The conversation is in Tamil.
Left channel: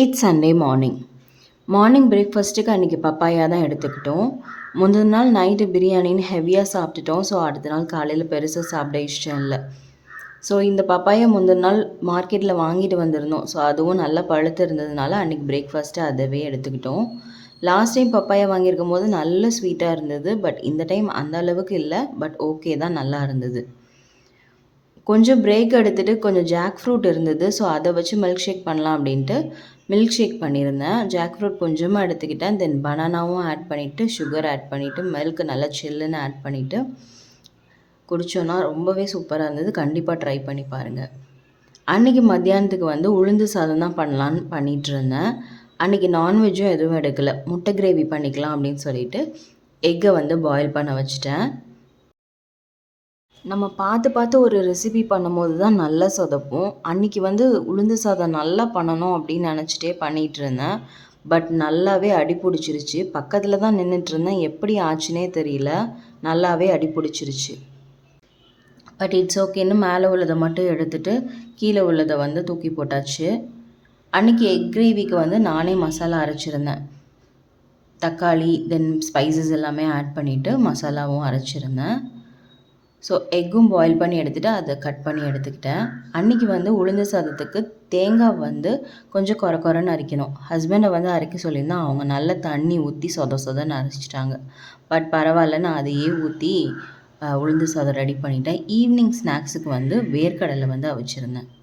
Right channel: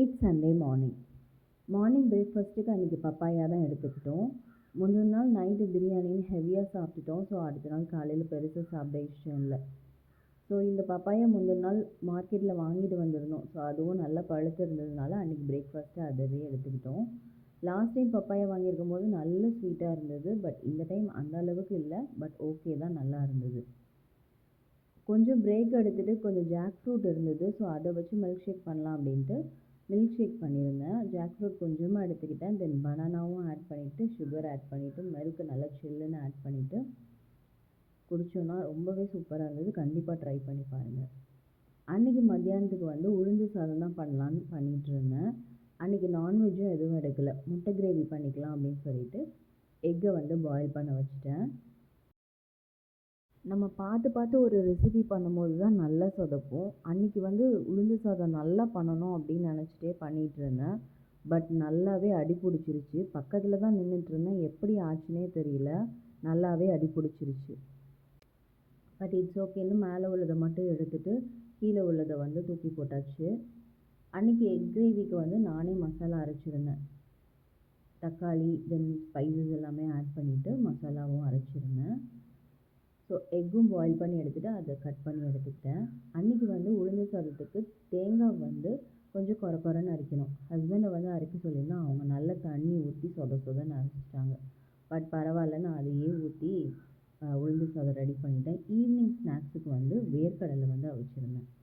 It's Sunday morning. மார்னிங் பிரேக்ஃபாஸ்ட்டுக்கு அன்றைக்கி பப்பாயா தான் எடுத்துக்கிட்டோம். முந்தின நாள் நைட்டு பிரியாணின்னு ஹெவியாக சாப்பிட்டுட்டோம். ஸோ அடுத்த நாள் காலையில் பெருசாக சாப்பிட இஷ்டம் இல்லை. ஸோ இந்த பப்பாயா முந்தின நாள் மார்க்கெட்டில் வாங்கிட்டு வந்திருந்தோம். ஸோ அதுவும் நல்லா பழுத்து இருந்ததுனால அன்றைக்கி பிரேக்ஃபாஸ்ட்டு அதவே எடுத்துக்கிட்டோம். லாஸ்ட் டைம் பப்பாயா வாங்கியிருக்கும் போது நல்ல ஸ்வீட்டாக இருந்தது. பட் இந்த டைம் அந்த அளவுக்கு இல்லை. பட் ஓகே தான், நல்லா இருந்தது. கொஞ்சம் பிரேக் எடுத்துகிட்டு கொஞ்சம் ஜாக் ஃப்ரூட் இருந்தது. ஸோ அதை வச்சு மில்க் ஷேக் பண்ணலாம் அப்படின்ட்டு மில்க் ஷேக் பண்ணியிருந்தேன். ஜாக் ஃப்ரூட் கொஞ்சமாக எடுத்துக்கிட்டேன். தென் பனானாவும் ஆட் பண்ணிவிட்டு சுகர் ஆட் பண்ணிவிட்டு மில்க் நல்லா சில்லுன்னு ஆட் பண்ணிவிட்டு குடித்தோன்னா ரொம்பவே சூப்பராக இருந்தது. கண்டிப்பாக ட்ரை பண்ணி பாருங்கள். அன்றைக்கி மத்தியானத்துக்கு வந்து உளுந்து சாதம் தான் பண்ணலான்னு பண்ணிகிட்ருந்தேன். அன்றைக்கி நான்வெஜ்ஜும் எதுவும் எடுக்கலை. முட்டை கிரேவி பண்ணிக்கலாம் அப்படின்னு சொல்லிட்டு எக்கை வந்து பாயில் பண்ண வச்சுட்டேன். நம்ம பார்த்து பார்த்து ஒரு ரெசிபி பண்ணும்போது தான் நல்லா சொதப்பும். அன்றைக்கி வந்து உளுந்து சாதம் நல்லா பண்ணணும் அப்படின்னு நினச்சிட்டே பண்ணிகிட்ருந்தேன். பட் நல்லாவே அடி பிடிச்சிருச்சு. பக்கத்தில் தான் நின்றுட்டுருந்தேன். எப்படி ஆச்சுன்னே தெரியல. நல்லாவே அடி பிடிச்சிருச்சு. பட் இட்ஸ் ஓகேன்னு மேலே உள்ளதை மட்டும் எடுத்துகிட்டு கீழே உள்ளதை வந்து தூக்கி போட்டாச்சு. அன்றைக்கி எக் கிரேவிக்கு வந்து நானே மசாலா அரைச்சிருந்தேன். தக்காளி தென் ஸ்பைசஸ் எல்லாமே ஆட் பண்ணிவிட்டு மசாலாவும் அரைச்சிருந்தேன். ஸோ எக்கும் பாயில் பண்ணி எடுத்துகிட்டு அதை கட் பண்ணி எடுத்துக்கிட்டேன். அன்றைக்கி வந்து உளுந்து சாதத்துக்கு தேங்காய் வந்து கொஞ்சம் கொரன்னு அரைக்கணும். ஹஸ்பண்டை வந்து அரைக்க சொல்லியிருந்தேன். அவங்க நல்ல தண்ணி ஊற்றி சொதன்னு அரைச்சிட்டாங்க. பட் பரவாயில்ல, நான் அதையே ஊற்றி உளுந்து சாதம் ரெடி பண்ணிட்டேன். ஈவினிங் ஸ்நாக்ஸுக்கு வந்து வேர்க்கடலை வந்து அவிச்சிருந்தேன்.